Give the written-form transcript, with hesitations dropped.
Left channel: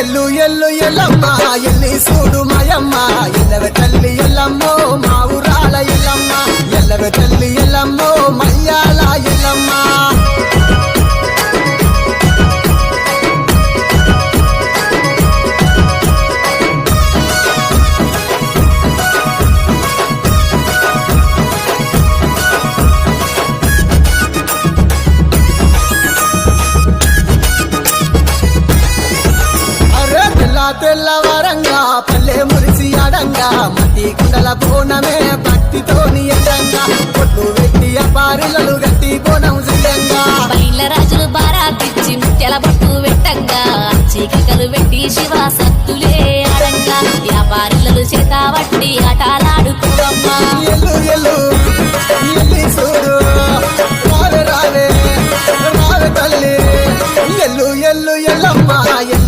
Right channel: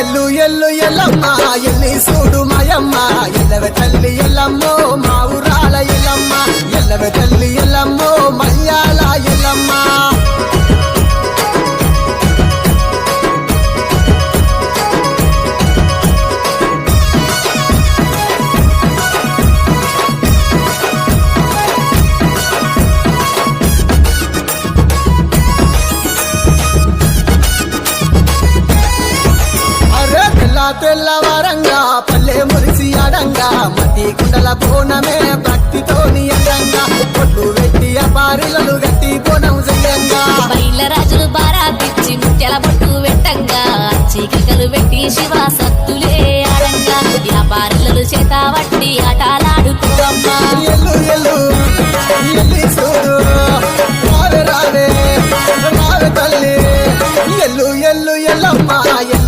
ఎల్లు ఎల్లు ఎల్లమ్మ ఎల్లి చూడు మాయమ్మ ఎల్లవే తల్లి ఎల్లమ్మో మా ఊరాల ఎల్లమ్మ ఎల్లవే తల్లి ఎల్లమ్మో మయ్యాల ఎల్లమ్మ తెల్లవారంగా పల్లె మురిసి అడంగా మట్టి కుండల బోనమే భక్తితోని అందంగా పొట్లు వెట్టి పారిలలు గట్టి బోనం చెయ్యంగా బయల రాజులు బారా పిచ్చి ముత్యాల బొట్టు పెట్టంగా చీకలు పెట్టి శివ సత్తులే ఆడంగా వ్యాపారులు చేత వట్టి ఆటలాడుకోవమ్మా ఎల్లు ఎల్లు ఎల్లి చూడు రావే రావే రావే తల్లి ఎల్లు ఎల్లు ఎల్లమ్మ ఎల్లి